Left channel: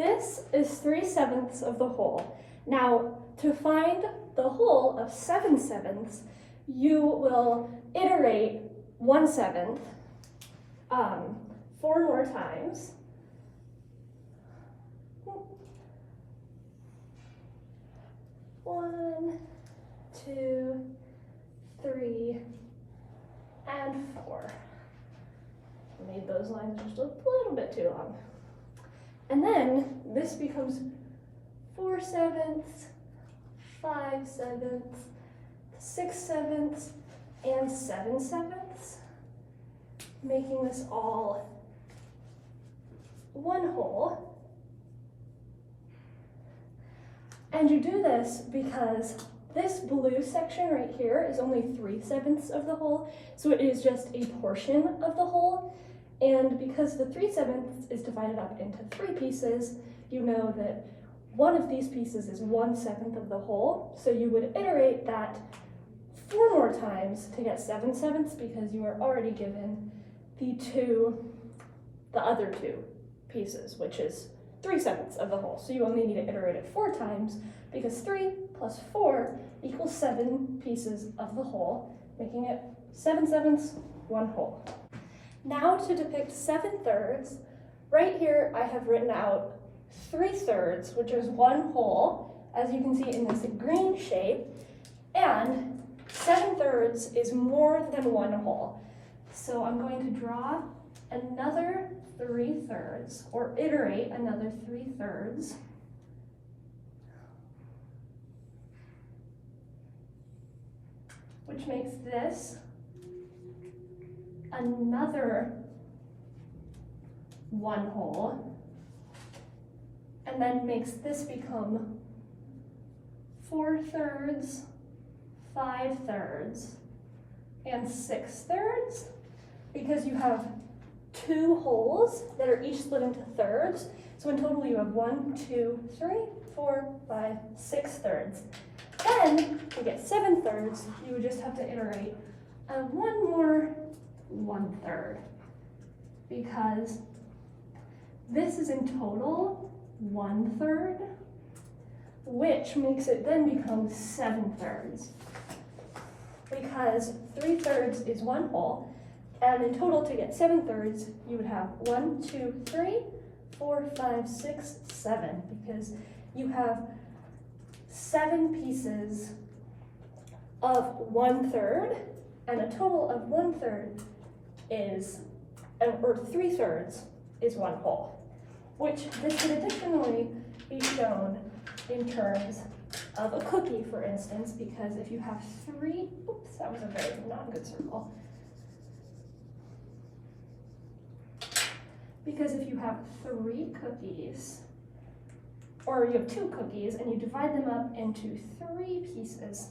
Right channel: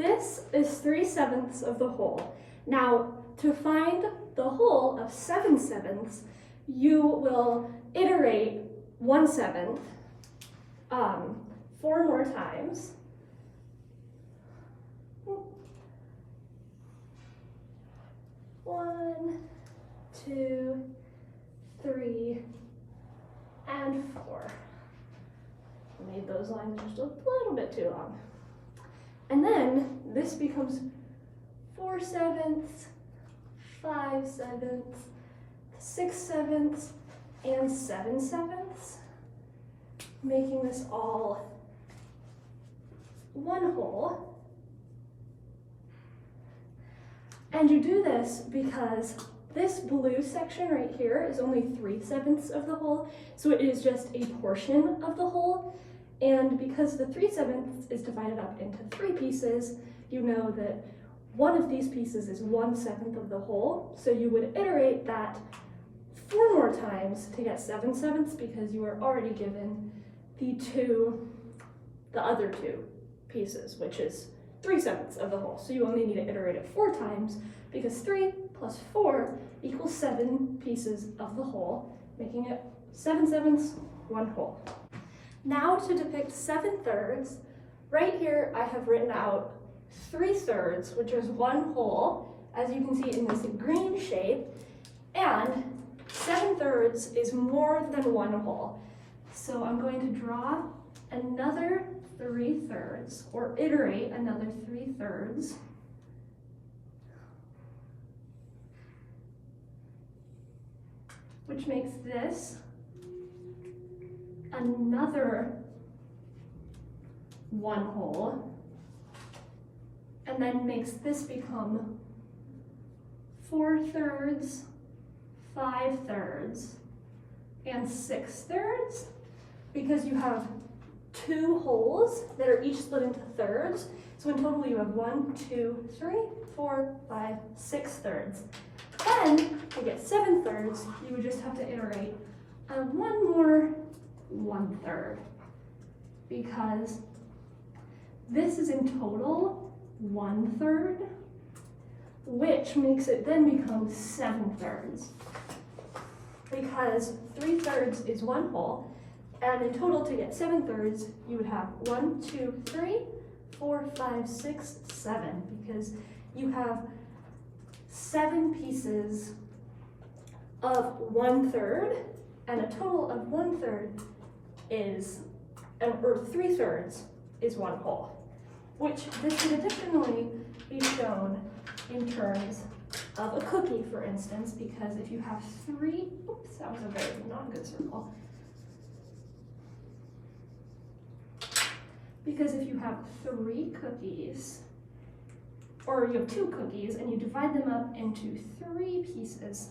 this is 3/7 of the whole. Now, to find the whole of 7/7, you will iterate 1/7 4 more times. 1, 2, 3, and 4. I made those lines just a little bit too long. And then this becomes 4/7, 5/7, 6/7, and 7/7, making this all one whole. And you do this because this blue section right here is only 3/7 of the whole, so it is just a portion of the whole. And because the 3/7 is divided up into 3 pieces, you know that one of these pieces is 1/7 of the whole, so you would iterate that 4 more times to get 7/7 because you were already given the other 2 pieces, which is 3/7 of the whole. So you only need to iterate it 4 times because 3 plus 4 equals 7 pieces of the whole, making it 7/7, 1 whole. Now to depict 7/3, right here I have written out 3/3, which is 1 whole, as you can see in this green shape, and 7/3 is more than 1 whole. So I'm going to draw another 3/3, or iterate another 3/3. Which makes this another 1 whole, and then makes this become 4/3, 5/3, and 6/3, because you have 2 wholes that are each split into thirds. So in total you have 1, 2, 3, 4, 5, 6/3. Then to get 7/3, you would just have to iterate one more 1/3, because this is in total 1/3, which makes it then become 7/3, because 3/3 is 1 whole, and in total to get 7/3, you would have 1, 2, 3, 4, 5, 6, 7, because you have 7 pieces of 1/3, and a total of 1/3 is, or 3/3 is 1 whole, which this can additionally be shown in terms of a cookie, for instance, because if you have 3, oops, that was a very not good circle. Because if you have 3 cookies, or you have 2 cookies, and you divide them up into 3 pieces,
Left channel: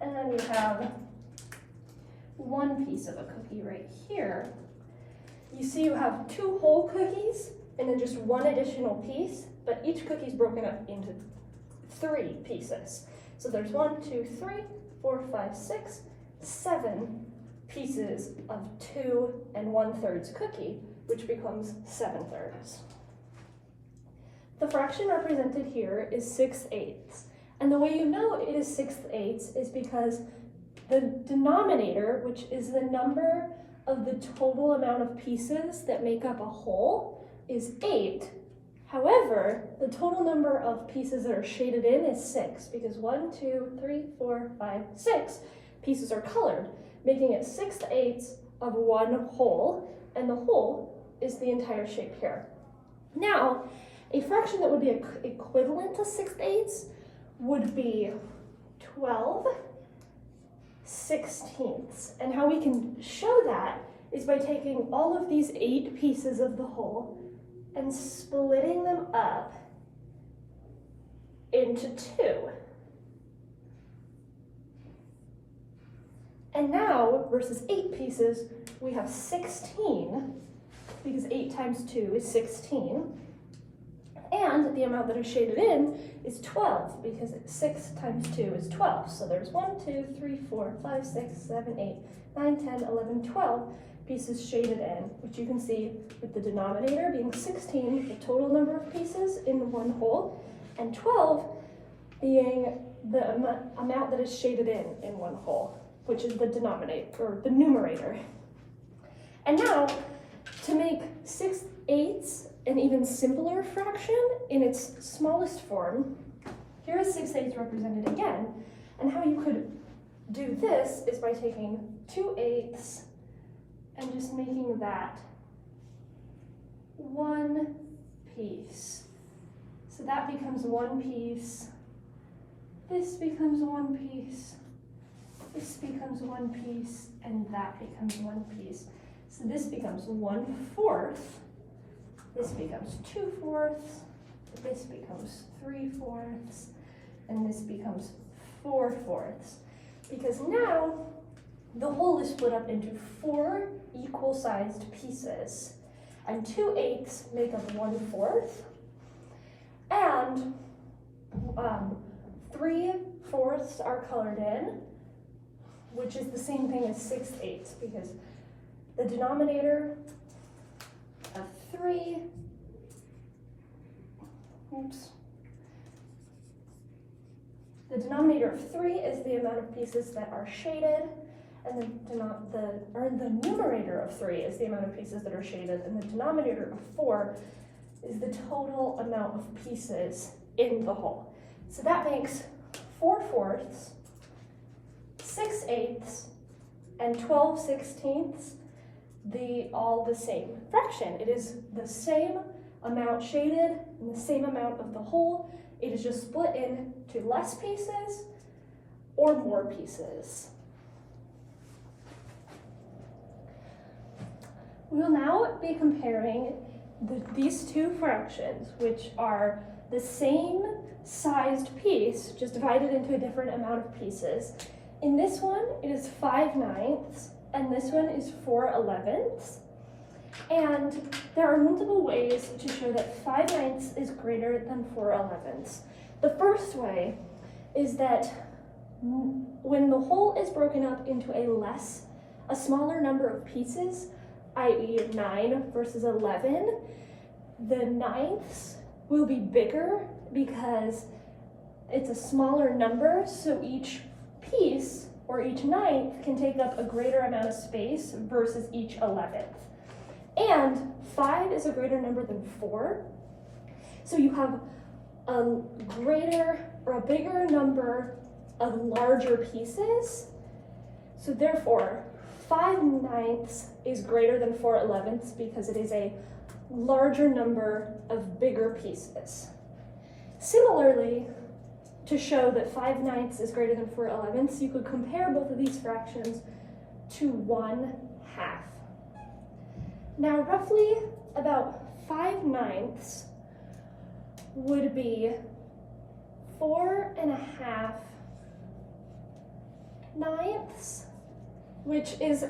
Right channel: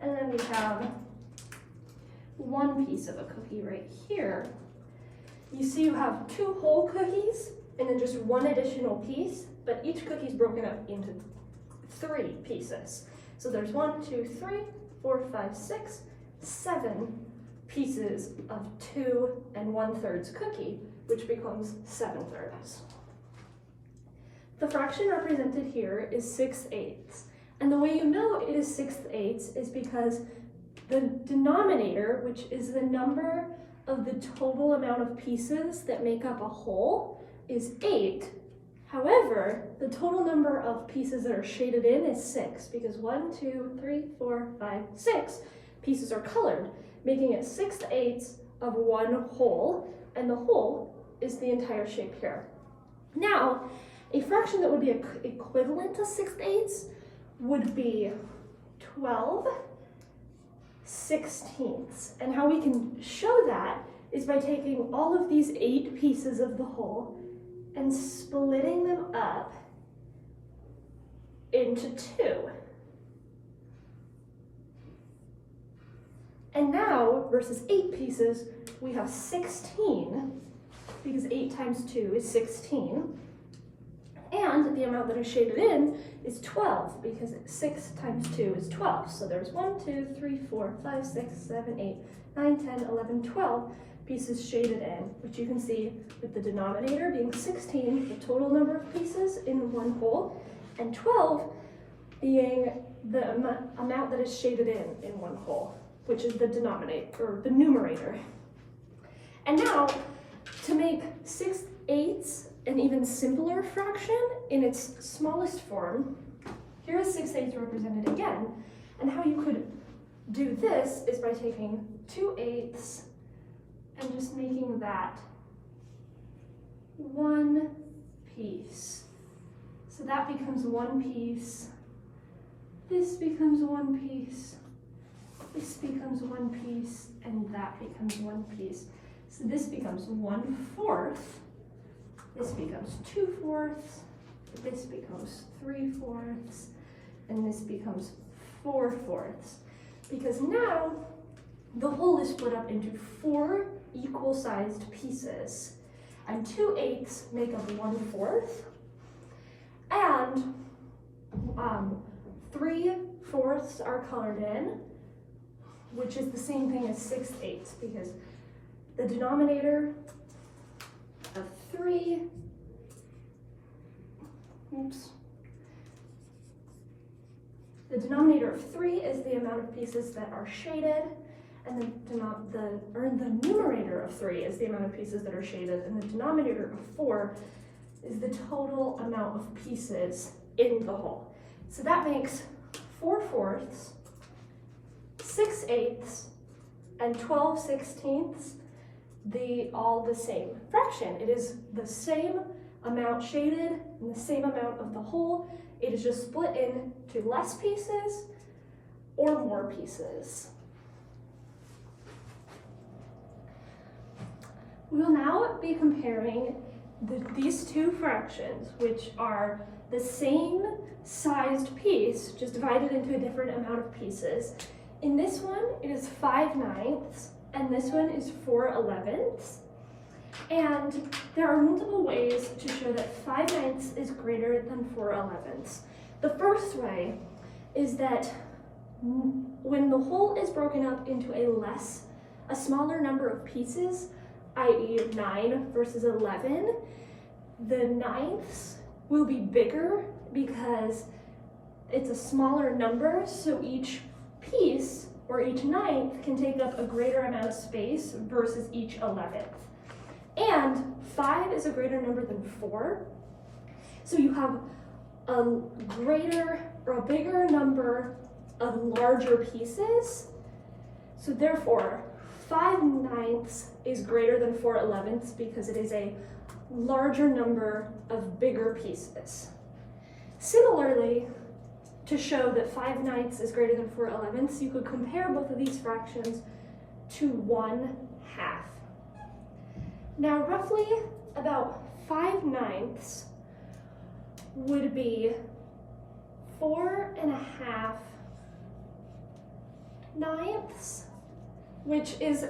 and then you have 1 piece of a cookie right here, you see you have 2 whole cookies and then just 1 additional piece, but each cookie is broken up into 3 pieces. So there's 1, 2, 3, 4, 5, 6, 7 pieces of 2 1/3 cookie, which becomes 7/3. The fraction represented here is 6/8, and the way you know it is 6/8 is because the denominator, which is the number of the total amount of pieces that make up a whole, is 8. However, the total number of pieces that are shaded in is 6, because 1, 2, 3, 4, 5, 6 pieces are colored, making it 6/8 of 1 whole, and the whole is the entire shape here. Now, a fraction that would be equivalent to 6/8 would be 12/16. And how we can show that is by taking all of these 8 pieces of the whole and splitting them up into 2. And now, versus 8 pieces, we have 16, because 8 times 2 is 16. And And the amount that is shaded in is 12, because 6 times 2 is 12. So there's 1, 2, 3, 4, 5, 6, 7, 8, 9, 10, 11, 12 pieces shaded in, which you can see with the denominator being 16, the total number of pieces in one hole, and 12 being the amount that is shaded in one hole, which is the denominator, or the numerator. And now, to make 6/8 an even simpler fraction in its smallest form, here is 6/8 represented again, and how you could do this is by taking 2/8 and just making that one piece. So that becomes one piece, this becomes one piece, this becomes one piece, and that becomes one piece. So this becomes 1/4, this becomes 2/4, this becomes 3/4, and this becomes 4/4. Because now the whole is split up into 4 equal-sized pieces, and 2/8 make up 1/4, and 3/4 are colored in, which is the same thing as 6/8, because the denominator of 3, the denominator of 3 is the amount of pieces that are shaded, and the numerator of 3 is the amount of pieces that are shaded, and the denominator of 4 is the total amount of pieces in the whole. So that makes 4/4, 6/8, and 12/16 all the same fraction. It is the same amount shaded and the same amount of the whole. It is just split into less pieces or more pieces. We will now be comparing these two fractions, which are the same sized piece, just divided into a different amount of pieces. In this one, it is 5/9, and this one is 4/11. And there are multiple ways to show that 5/9 is greater than 4/11. The first way is that when the whole is broken up into a smaller number of pieces, i.e. 9 versus 11, the ninths will be bigger because it's a smaller number, so each piece or each ninth can take up a greater amount of space versus each 11th. And 5 is a greater number than 4, so you have a greater or a bigger number of larger pieces. So therefore, 5/9 is greater than 4/11 because it is a larger number of bigger pieces. Similarly, to show that 5/9 is greater than 4/11, you could compare both of these fractions to 1/2. Now, roughly about 5/9 would be 4.5 ninths, which is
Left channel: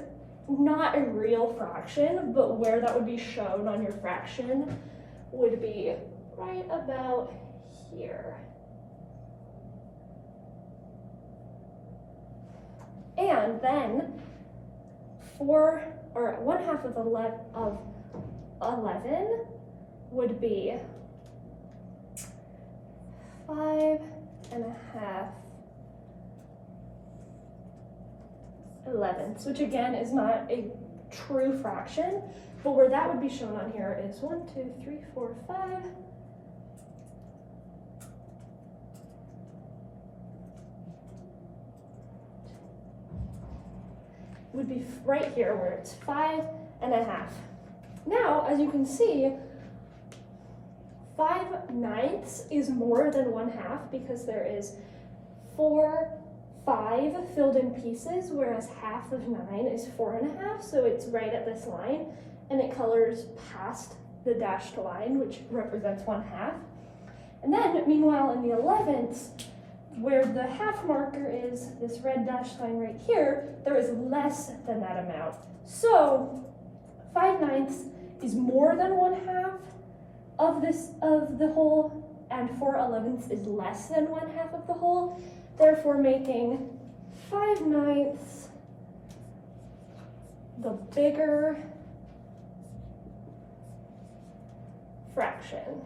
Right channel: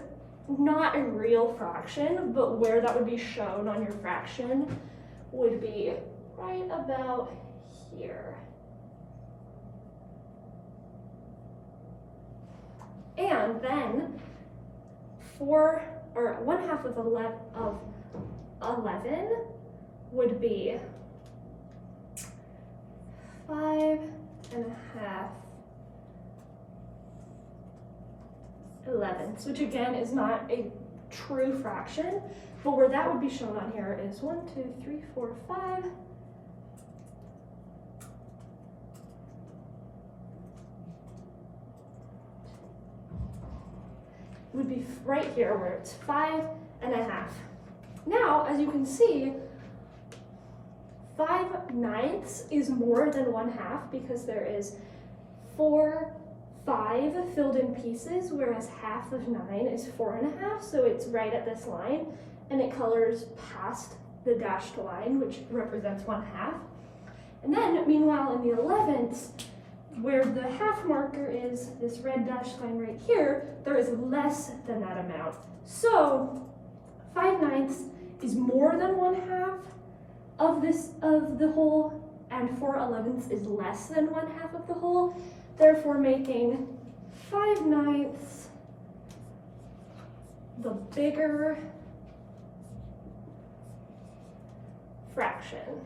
not a real fraction, but where that would be shown on your fraction would be right about here. And then 1/2 of 11 would be 5.5 11ths, which again is not a true fraction, but where that would be shown on here is 1, 2, 3, 4, 5. Would be right here where it's 5.5. Now, as you can see, 5/9 is more than 1/2 because there is 5 filled in pieces, whereas 1/2 of 9 is 4.5, so it's right at this line, and it colors past the dashed line, which represents 1/2. And then, meanwhile, in the 11ths, where the half marker is this red dashed line right here, there is less than that amount. So 5/9 is more than 1/2 of the whole, and 4/11 is less than 1/2 of the whole, therefore making 5/9 the bigger fraction.